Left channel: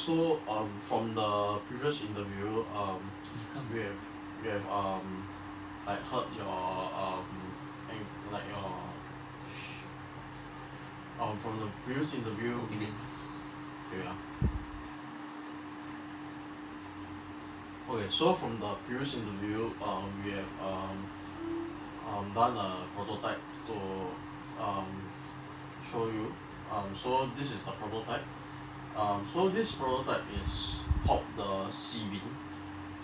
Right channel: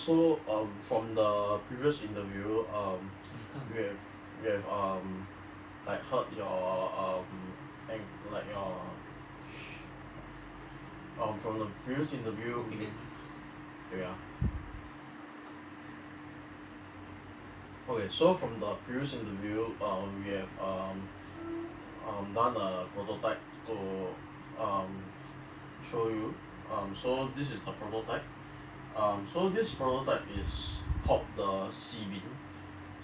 From the previous interview, we have like heard your like your from the previous interview opinions. yeah. Okay, so from the previous interview, we have done a prototype to show you. So this is the prototype. So this prototype is called the C bin.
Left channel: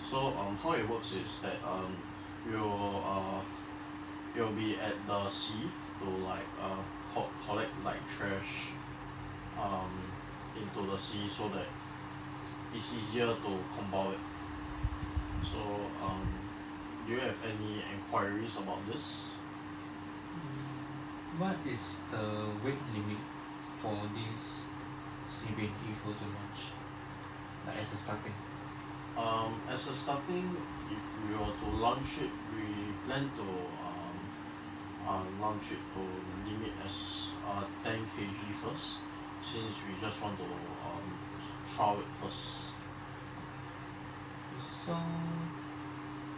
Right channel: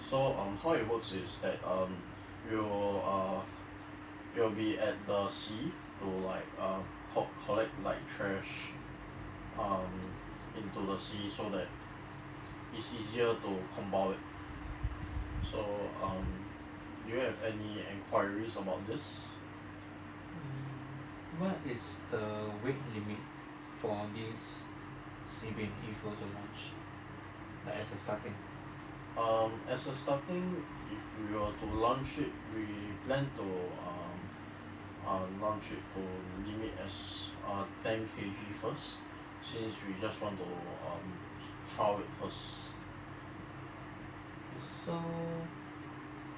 So how it works is that you'll be at the sea to like collect like trash into the sea so that it's easier to compound it. So do you have any enquiries about this? What is the weight limit for this CBN if you were to launch? Like as a starting. As a starting, if we were to launch it, we plan to launch it to limit as 10 kg first, since we just want to trial it first. So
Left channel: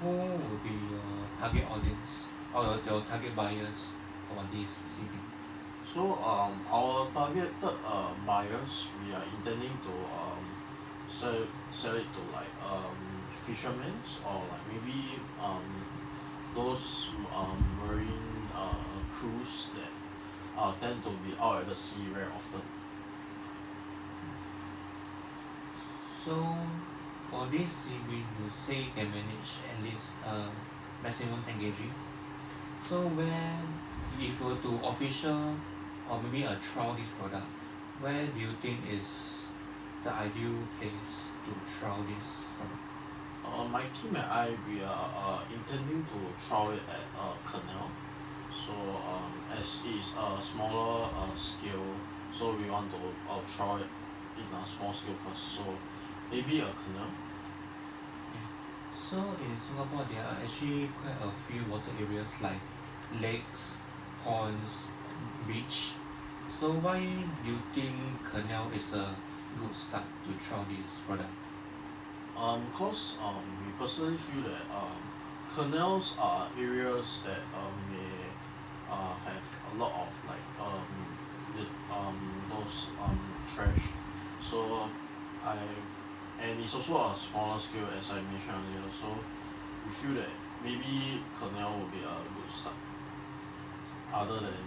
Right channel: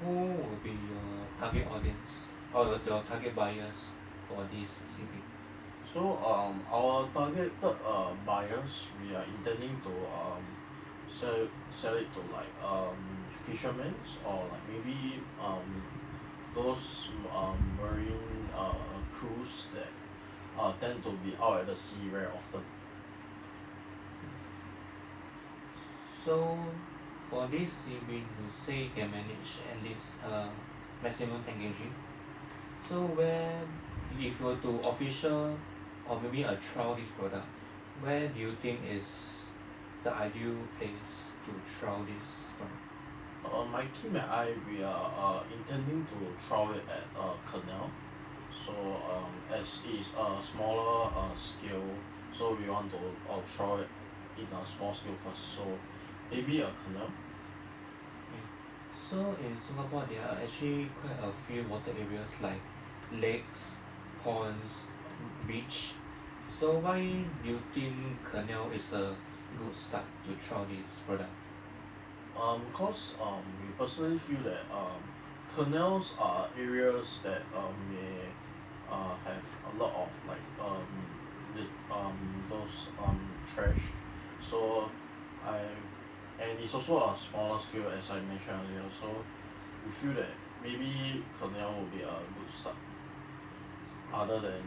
who will be your target audience or your target buyers for this CBN? So our targeted buyers, we are intending to sell it to like fishermen or like maybe those marine crews that tend to be out at the sea very often. So for this CBN you say you can manage at least maximum 10 kg. So where if you were to official or maybe a trial this product, where do you think is the ideal place to trial this product? My team and I, we are intending to trial it at Canal. So as it is a smaller scale, so we want to trial it in a small scale first. So maybe a Canal. So in Singapore there are actually quite a few water areas like lakes, ponds, beach. So why do you think canal is a good start to try this product? Cause we personally feel that canals are areas that may have a lot of like those trash. So I and it's also a smaller scale as I mentioned earlier. So we feel that maybe canal will be a good start, other than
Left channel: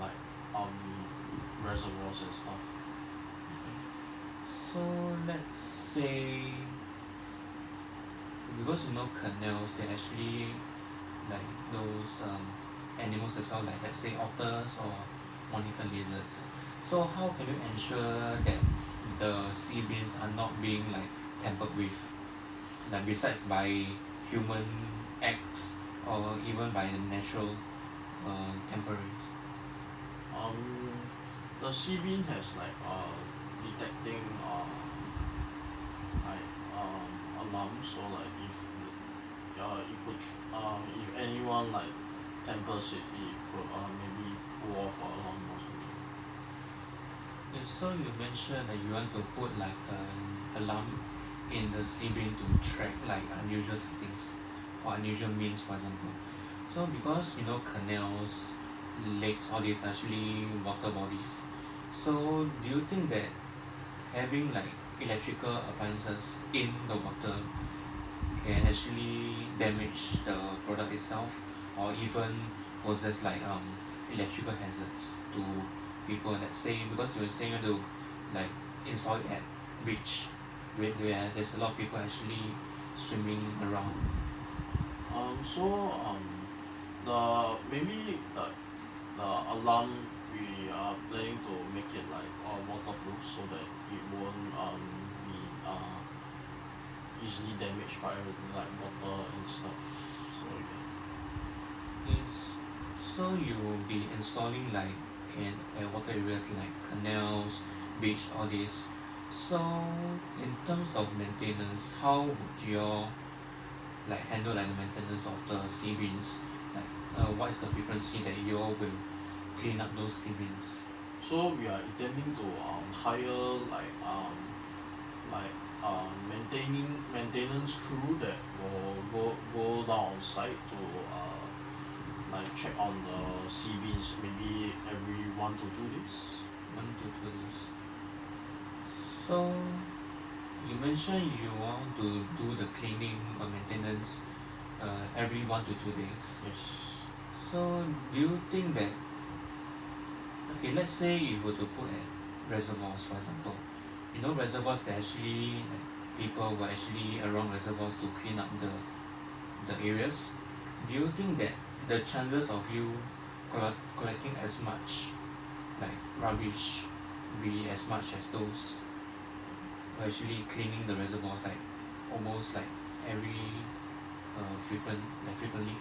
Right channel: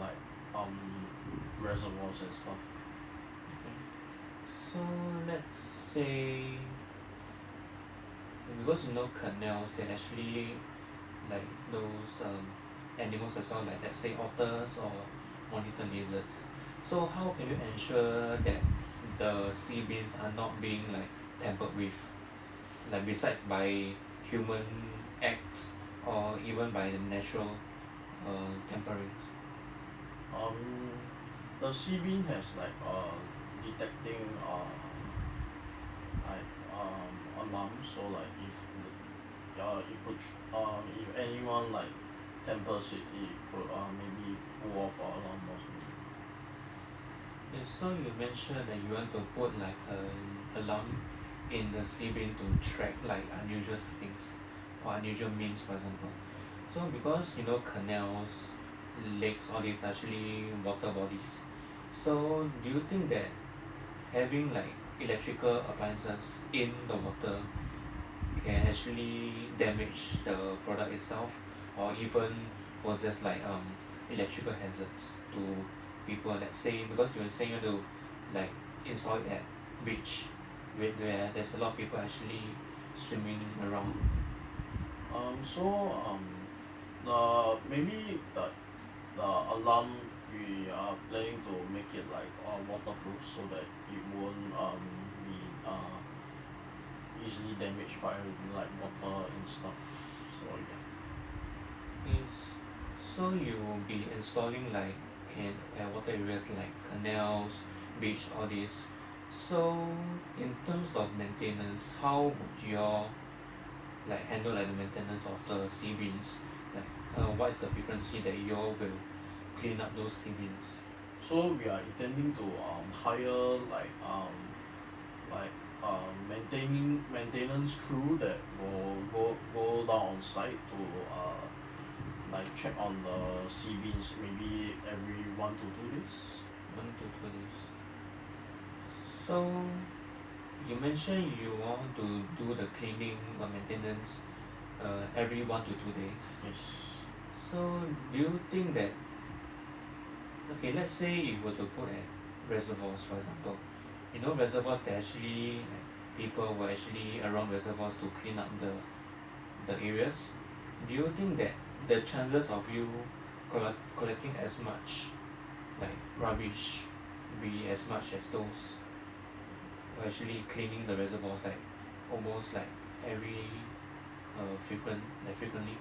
like reservoirs and stuff. So let's say because you know canals they actually like those animals as well, like let's say otters or monitor lizards. So how can you ensure that the sea beans are not being like tampered with, like besides by human acts or even by the natural temperance? The sea bean has like detecting like alarm. So like if it could if anyone like tempers it, it could maybe pull off our alarm or something. Yeah, so you mentioned that you want to put like an alarm in the sea bin to track like unusual things or unusual means, for example. So because you know canals, lakes, all these are actually water bodies. So do you think that having like electrical appliances in the water can actually damage the product itself or even possess like electrical hazards to people, let's say because you say you want to like install it at beach where there's a lot of people actually swimming around. So the maybe the alarm, we are planning to make it like waterproof so that it won't be easily damaged by like water and stuff. So yeah. Yes. So you will be installing like in water areas like canals, beach, all this. So in terms of maintenance, how would you like handle like the maintenance of the sea beans? Like what is the frequency that you all will clean up those sea beans? So we are intending to hire like maintenance crew that will go down on site to like check on the sea beams maybe every 1 to 2 days. 1 to 2 days. So you mentioned you want to do the cleaning or maintenance every 1 to 2 days. Yes. So do you think that, okay, let's say if you were to put at reservoirs, for example, reservoirs that actually like people were actually around reservoirs to clean up the areas. Do you think that the chances of you collecting as much like rubbish be as much as those who are actually cleaning the reservoirs like almost like every frequently?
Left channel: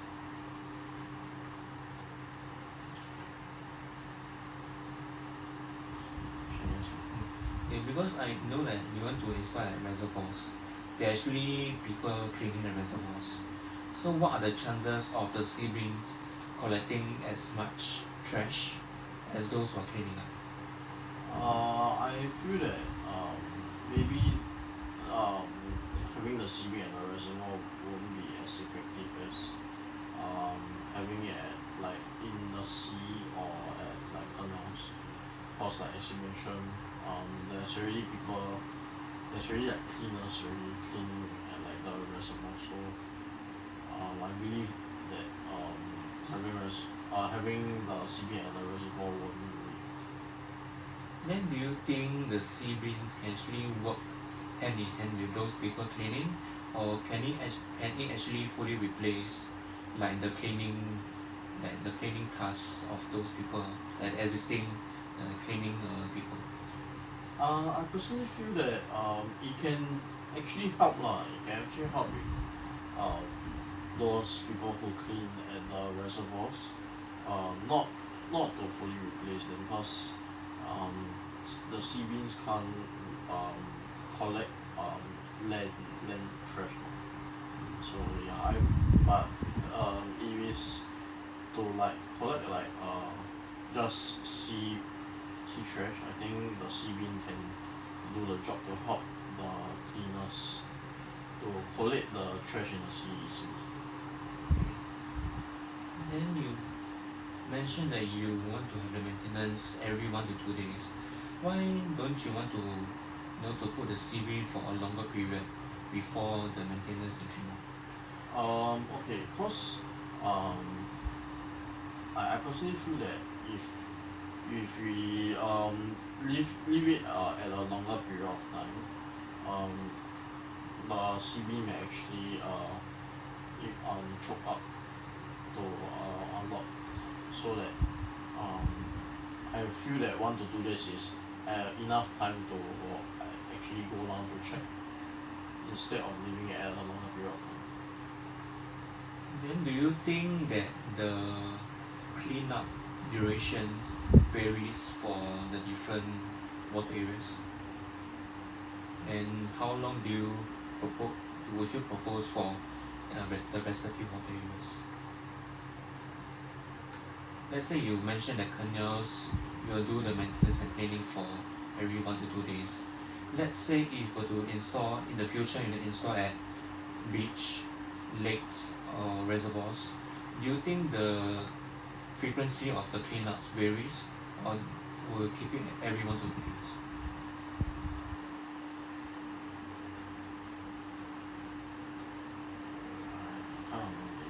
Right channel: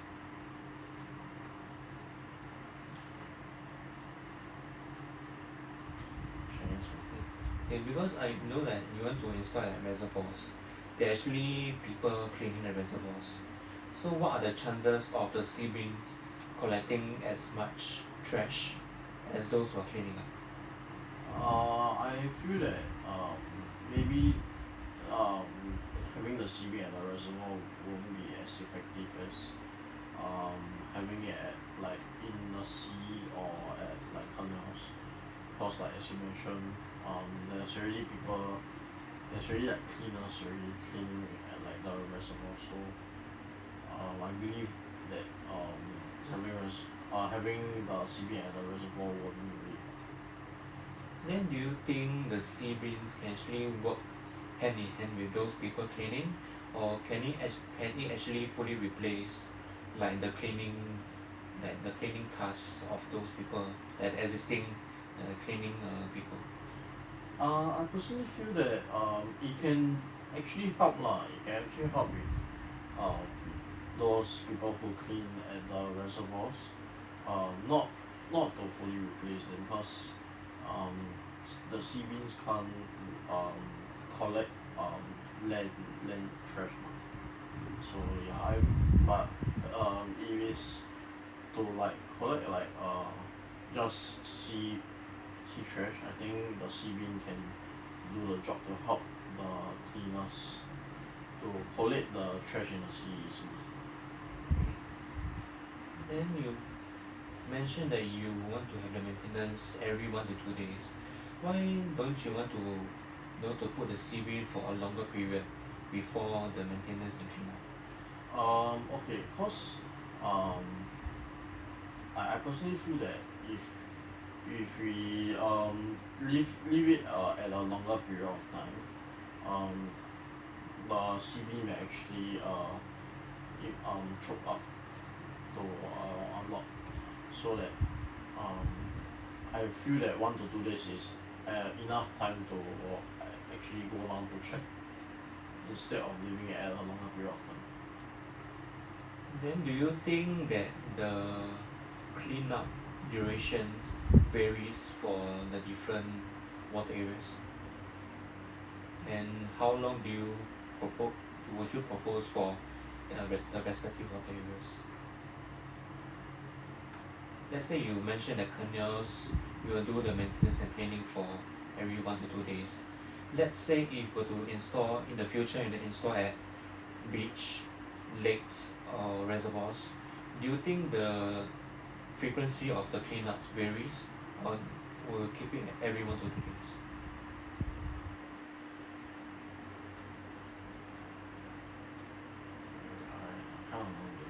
Okay, because I know that you want to install at reservoirs, there are actually people cleaning the reservoirs. So what are the chances of the sea beams collecting as much trash as those who are cleaning up? I feel that maybe um, having the CB at the reservoir won't be as effective as having it at like in the sea or at like canals. Cause like as you mentioned, there's already like cleaners already cleaning at like the reservoir. So I believe that having the CB at the reservoir won't really help. Then do you think the sea beams can actually work hand in hand with those people cleaning, or can it actually fully replace like the cleaning tasks of those people, that existing cleaning people? I personally feel that it can actually help lah. It can actually help with um, those people who clean at the reservoirs. Not to fully replace them because um, the sea beans can't um, collect land trash. Mah. So yeah, but if it's to like collect like just sea trash, I think the sea bin can do the job to help the cleaners to collect the trash in the sea easily. Then you mentioned that you want to have the maintenance every 1 to 2 days. Why don't you want to to put the sea beam for a longer period before the maintenance and cleanup? Okay, cause I personally feel that if we leave it at a longer period of time, um the CB may actually choke up to a lot, so that um I feel that 1 to 2 days is enough time to actually go down to check instead of leaving it at a longer period of time. Then do you think that the cleanup durations varies for the different water areas? And how long would you propose for the respective water areas? Let's say you mentioned that canals, you will do the maintenance and cleaning for every 1 to 2 days. Let's say if you were to install in the future, you install at beach, lakes, or reservoirs, do you think the frequency of the cleanups varies, or will keep it at every 1 to 2 days? I can't remember.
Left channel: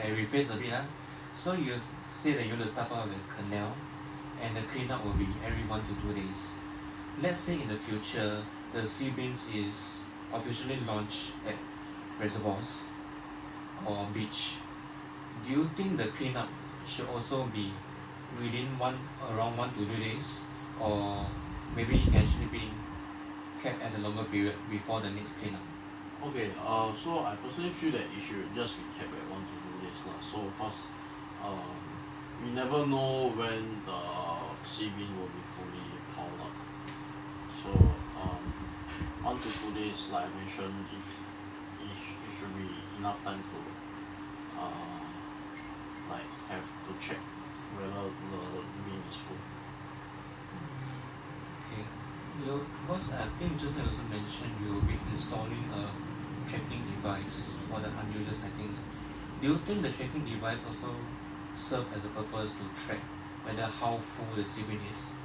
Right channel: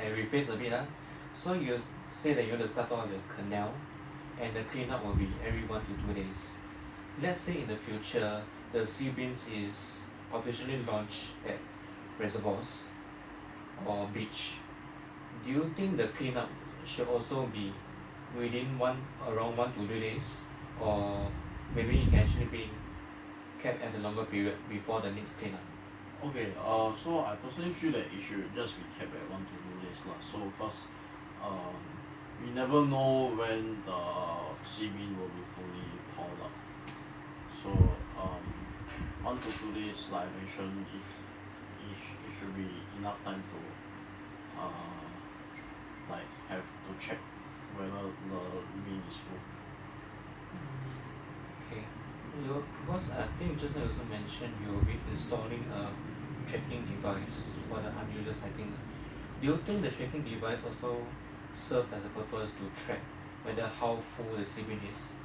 I rephrase a bit. So you say that you want to start off with the canal, and the cleanup will be every 1 to 2 days. Let's say in the future, the sea beams is officially launched at reservoirs or beach. Do you think the cleanup should also be within around 1 to 2 days, or maybe it can actually be kept at a longer period before the next cleanup? Okay, so I personally feel that it should just be kept at 1 to 2 days lah. So cause we never know when the sea bean will be fully piled up. So 1 to 2 days, like I mentioned, if it should be enough time to like have to check whether the bin is full. Okay. Because I think just now you also mentioned you will be installing a tracking device for the unusual settings. Do you think the tracking device also serve as a purpose to track whether how full the sea bin is?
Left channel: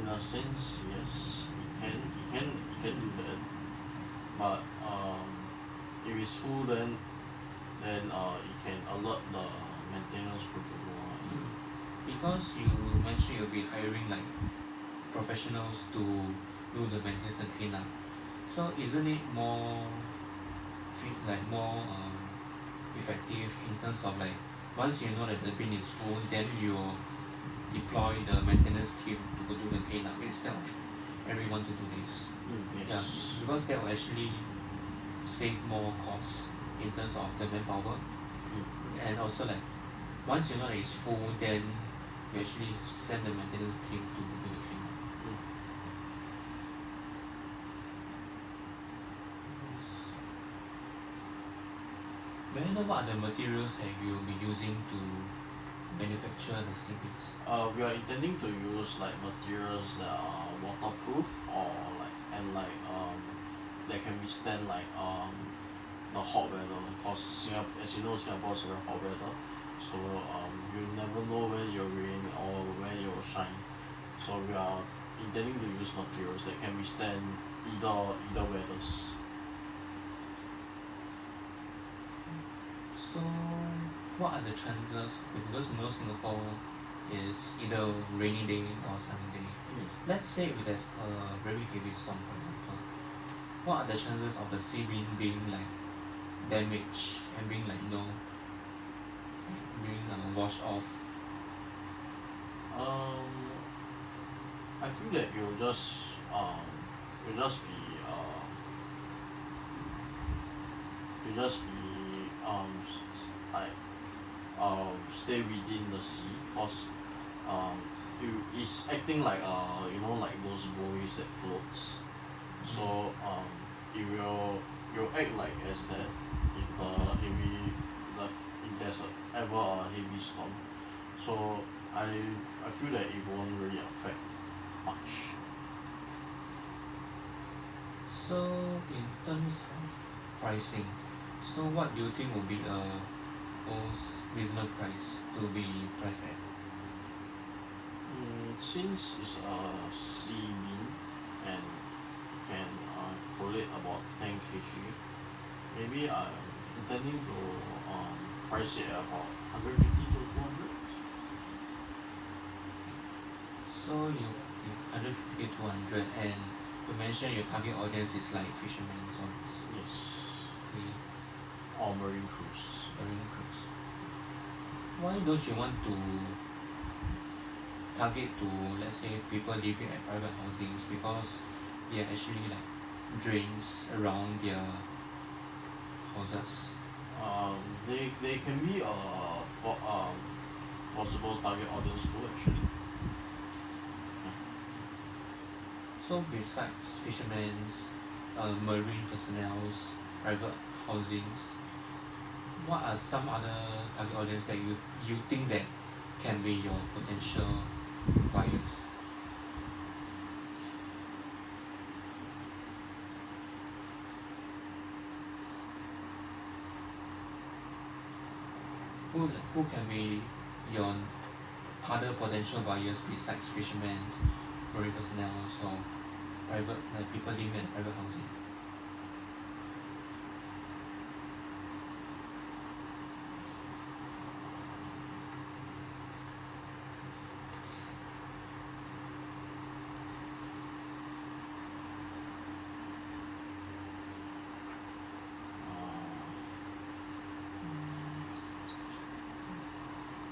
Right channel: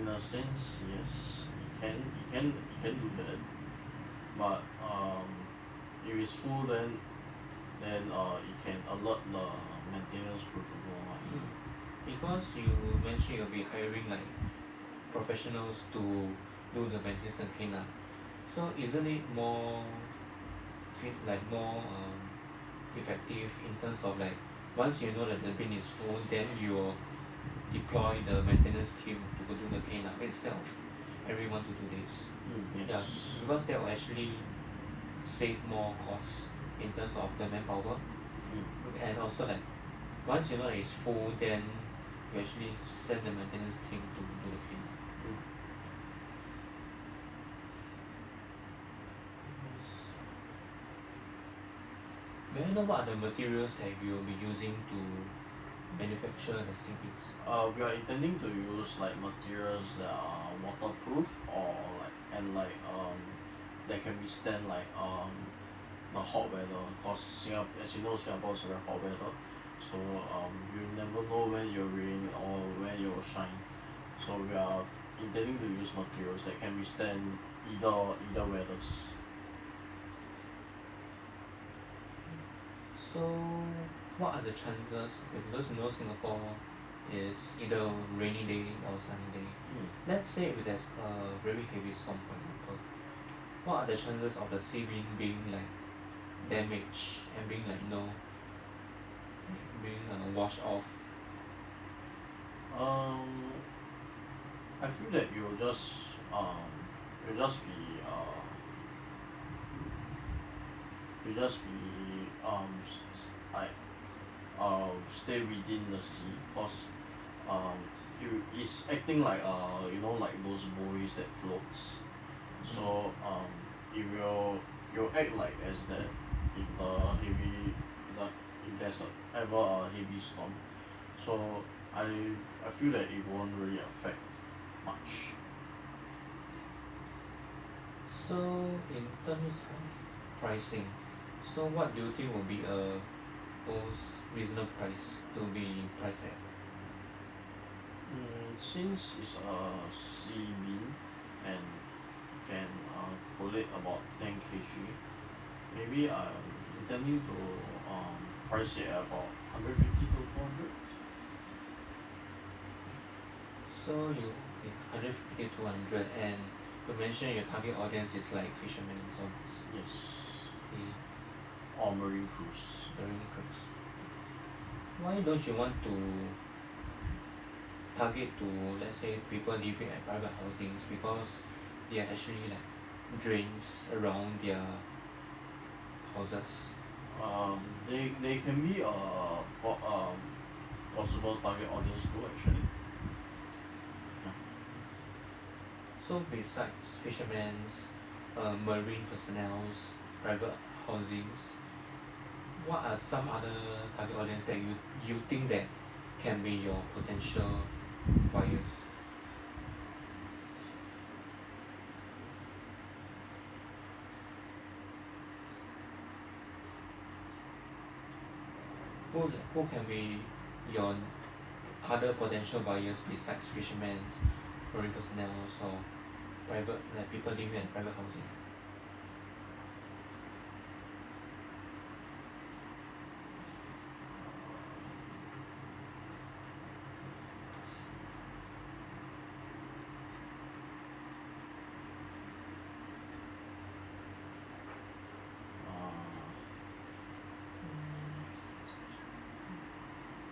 In a sense, yes, it can do that, but if it's full, then it can alert the maintenance crew to go on. Because you mentioned you'll be hiring like professionals to do the maintenance and cleanup. So isn't it more effective in terms of like once you know that the bin is full, then you deploy the maintenance team to go do the cleanup instead of everyone to do this. Yes. Yeah, because that will actually save more costs in terms of the manpower, and also like once you know that it's full, then you actually send the maintenance team to do the cleanup. Yes. May I know what are the materials that you will be using to manufacture the sea bins? We are intending to use like materials that are waterproof or that can withstand the hot weather. Cause Singapore, as you know, Singapore is very hot weather, so you never know when you'll rain or when it will shine. So we are intending to use materials that can withstand either weathers. So what are the chances, because you know Singapore is either rainy day or sunny day. Let's say if there's a very heavy storm, for example, what are the chances of the sea bin being like damaged and being like being washed off? I feel that you'll just be like stay within the sea, cause it's acting like like those buoys that floats. So it will act like as that if there's ever a heavy storm. So I feel that it won't really affect much. So in terms of pricing, so what do you think will be a most reasonable price to be priced at? Since it's a sea bin and can collate about 10 kg, maybe I'm intending to price it at about 150 to 200. So you okay, 150 to 200, and you mentioned your target audience is like fishermen and so on. Yes. Okay, Or marine crews. marine crews. Why don't you want to target to, let's say, people living at private housings, because they are actually like drains around their houses? They can be a possible target audience too, actually. So besides fishermen's, marine personnel's, private housings, what are some other target audience that you think that can be your potential buyers? Who can be your other potential buyers besides fishermen's, marine personnel, or private, like people living in private housing?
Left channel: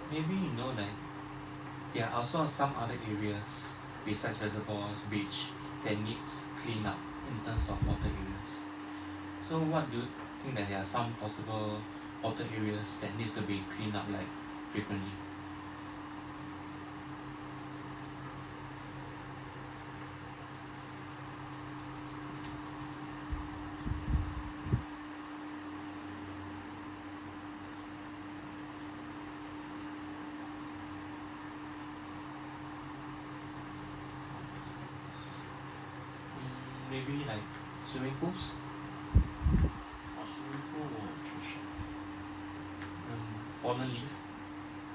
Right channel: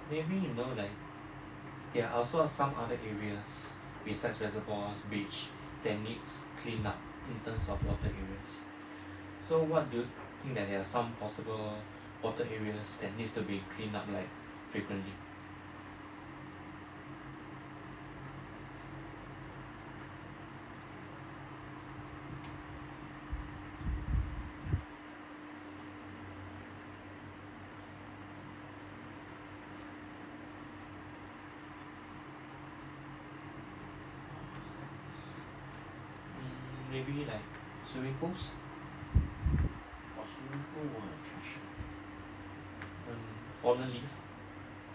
Maybe like there are also some other areas besides reservoirs, beach, that needs clean up in terms of water areas. So what do you think that there are some possible water areas that needs to be cleaned up like frequently? maybe like swimming pools, swimming pool won't have trash. fallen leaf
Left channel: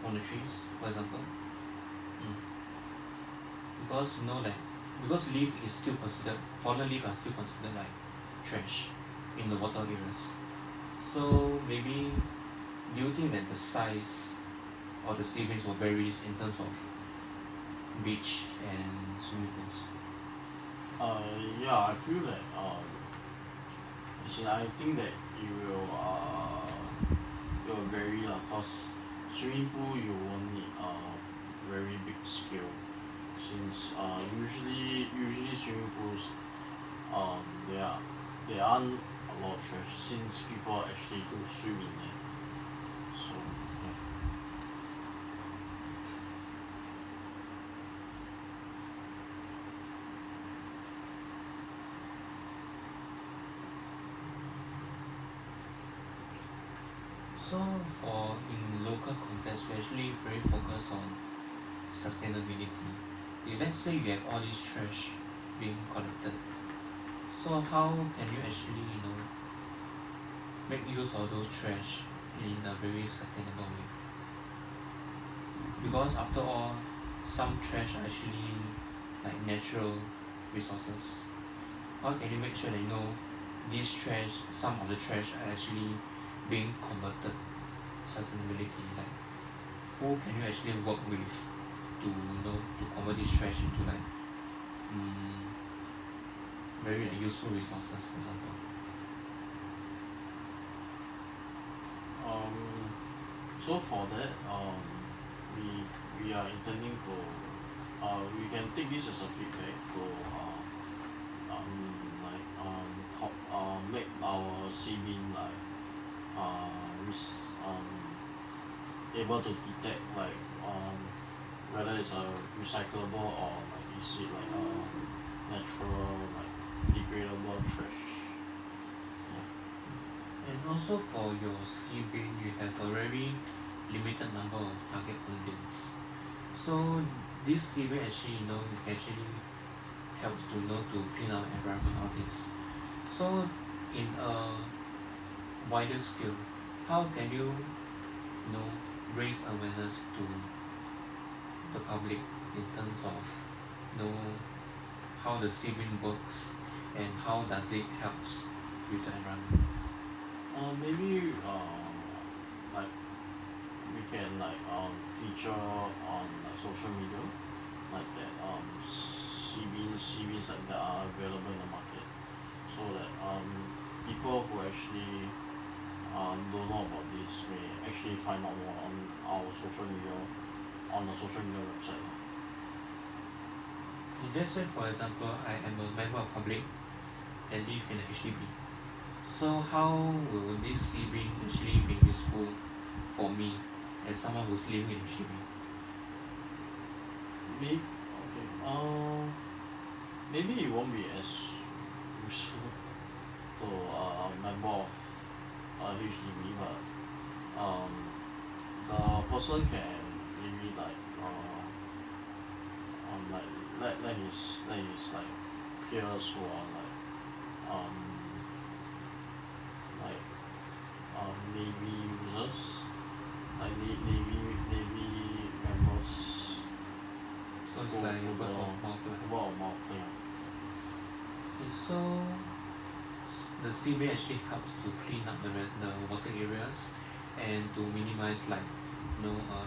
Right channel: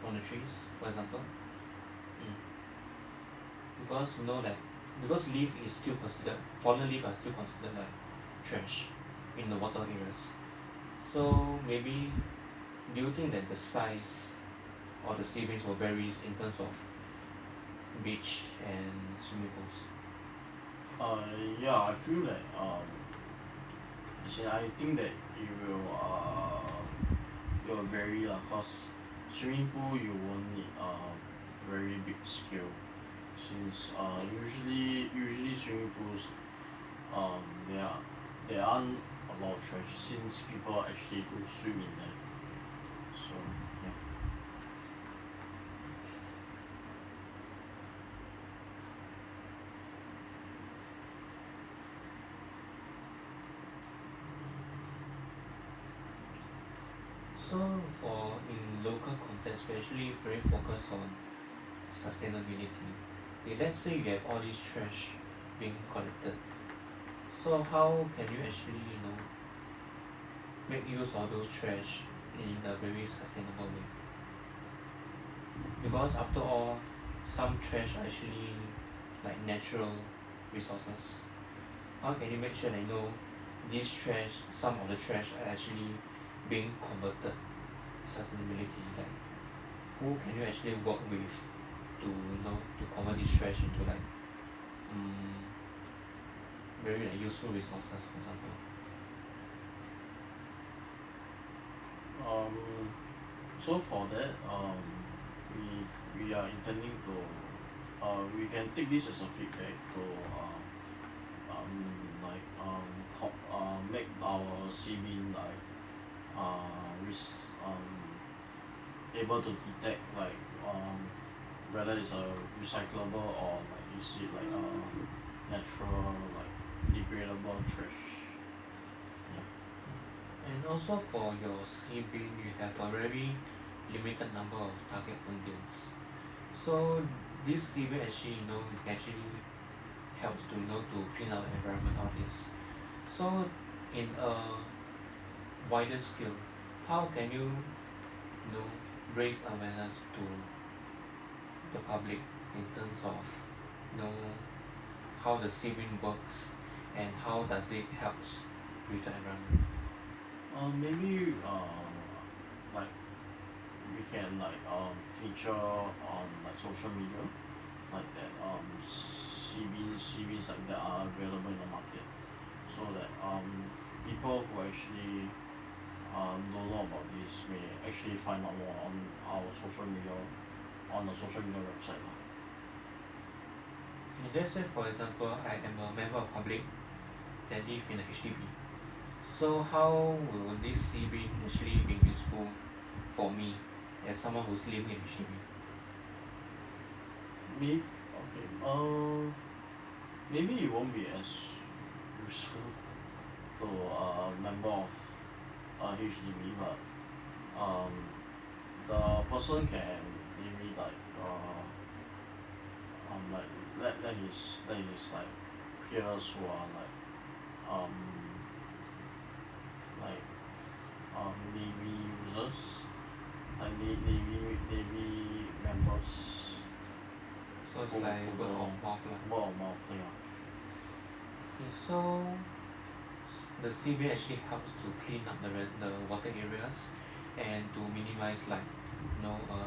from the trees, for example. Mm. Because you know that because leaf is still considered fallen leaf are still considered like trash in the water areas. So maybe do you think that the size of the sea bass will vary in terms of beach and swimming pools? Yeah, I feel that as in I think that it will vary lah, cause swimming pool you won't need a very big scale, since usually swimming pools um there aren't a lot of trash since people actually do swim in there. So yeah. So for in local context, we actually very focused on sustainability. Okay, let's say you have all these trash being collected. So how can you actually make use of those trash in a very sustainable way? Because after all, some trash are actually like natural resources. How can you make sure that these trash, some of the trash are actually being converted sustainability? Like who can you actually work with to convert this trash into like very like useful resources, for example? So for that, we are intending to we can take this as a feedback to make our sea bin like able to detect like whether it's a recyclable or like is it like a natural like degradable trash. And also for your sea bin, you have a very limited number of target on bins. So this sea bin actually it actually helps to clean our environment all this. So in a wider scale, how can you raise awareness to the public in terms of how the sea bin works and how does it helps with the environment? Maybe like we can like feature on like social media like that CBs like that are available in the market, so that people who actually don't know about this may actually find out more on our social media on the social media website. Let's say for example I am a member of public that live in a HDB. So how will this sea bin actually be useful for me as someone who's living in HDB? Maybe it won't be as useful to a member of HDB, but the person can maybe like let his like peers who are like Navy users, like Navy members. So it's like word of mouth lah. Word of mouth, yeah. Okay, so the sea bin actually helps to clean up the water areas and to minimize like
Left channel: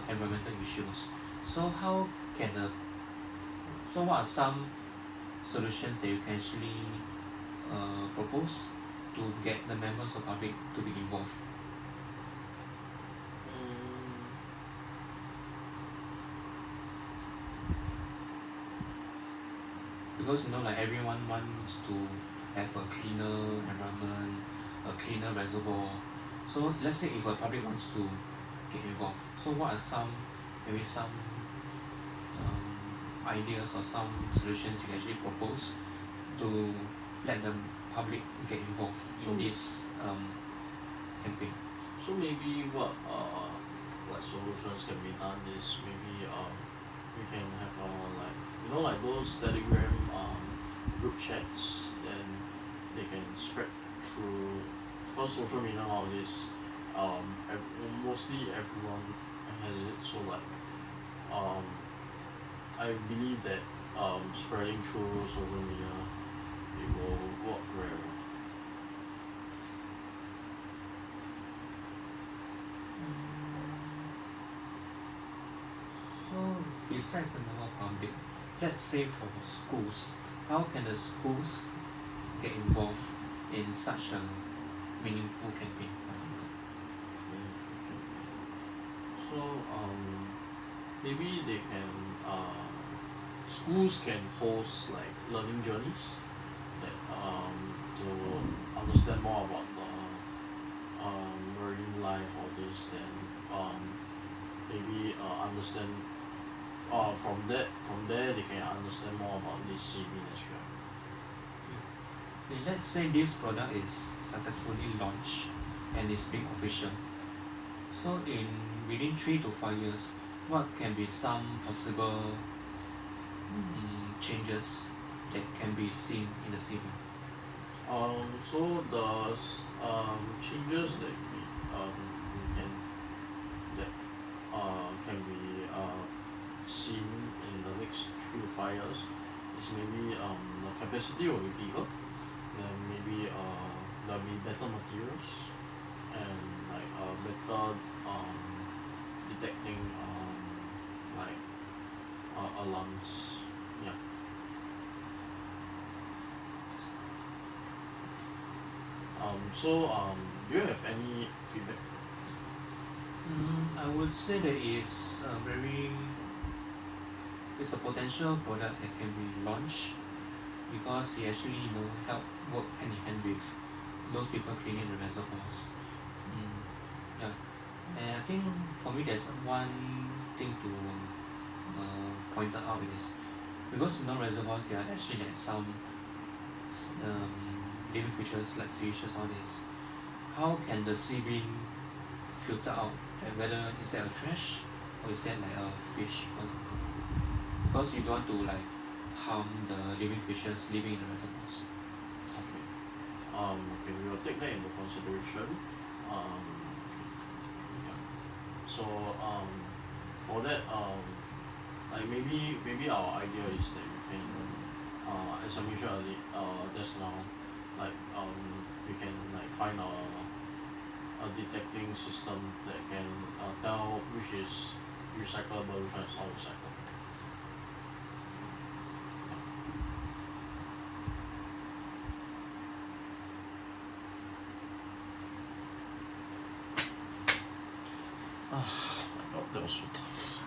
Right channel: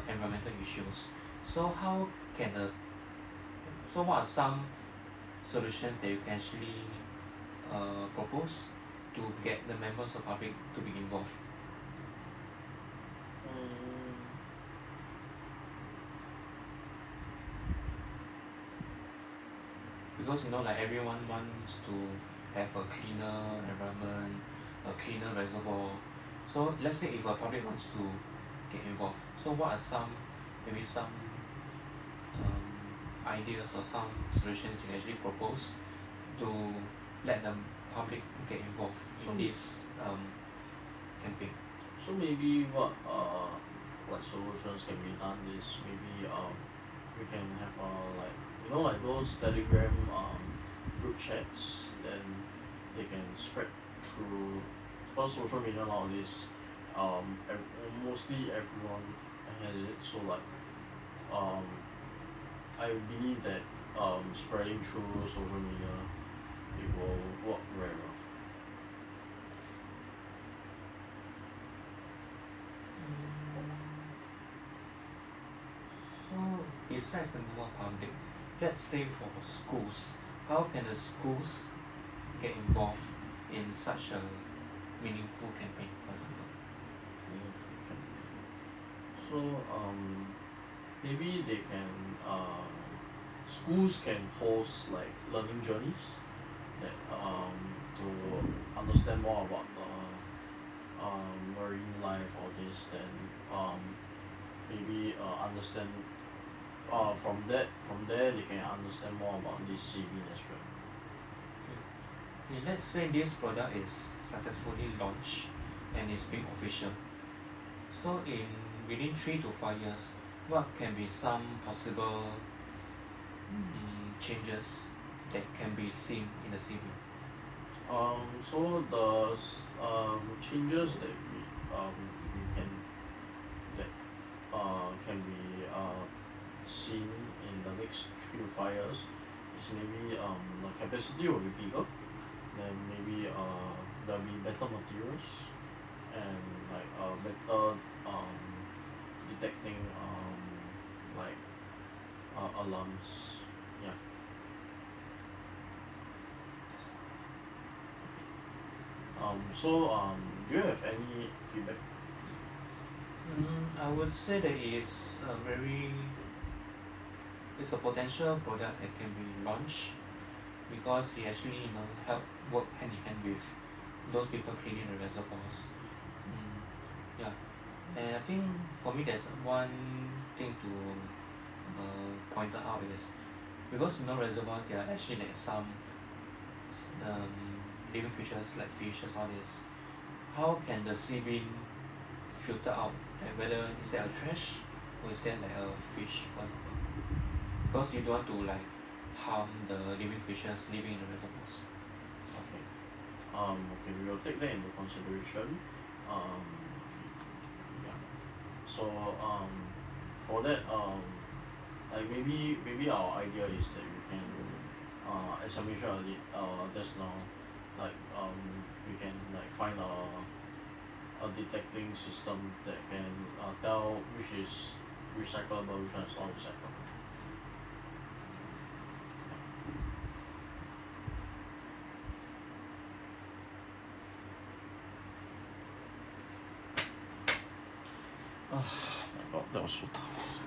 environmental issues. So how can what are some solutions that you can actually propose to get the members of public to be involved? Because like everyone wants to have a cleaner environment, a cleaner reservoir. So let's say if a public wants to get involved, so what are some ideas or some solutions you can actually propose to let the public get involved in this campaign? So maybe what like solutions can be done is maybe we can have like like those Telegram group chats, then spread through, because social media nowadays, mostly everyone has it. So like I believe that spreading through social media, it will work very well. So besides the normal public, let's say for schools, how can the schools get involved in such a meaningful campaign, for example? So maybe they can schools can host like learning journeys that to understand more about the marine life, all this, then maybe understand from there they can understand more about this seaweed as well. Okay, let's say this product is successfully launched and is being official. So in within 3 to 5 years, what can be some possible changes that can be seen in the CV? So the changes that we that can be seen in the next 3 to 5 years is maybe the capacity will be bigger, then maybe there'll be better materials and like better detecting like alarms. Yeah. Do you have any feedback? I would say that it's a potential product that can be launched because it actually help work hand in hand with those people cleaning the reservoirs. Yeah, and I think for me there's one thing to point out is because reservoirs there are actually like some living creatures like fishes, all this. How can the sea bean filter out like whether is that a trash or is that like a fish, for example? Because you don't want to like harm the living creatures living in the reservoirs. Okay. Okay, we will take that into consideration. Okay. Yeah. So for that like maybe our idea is that we can as I mentioned earlier just now, like we can like find a detecting system that can tell which is recyclable, which one is not recyclable. Oh my god, that was so tough.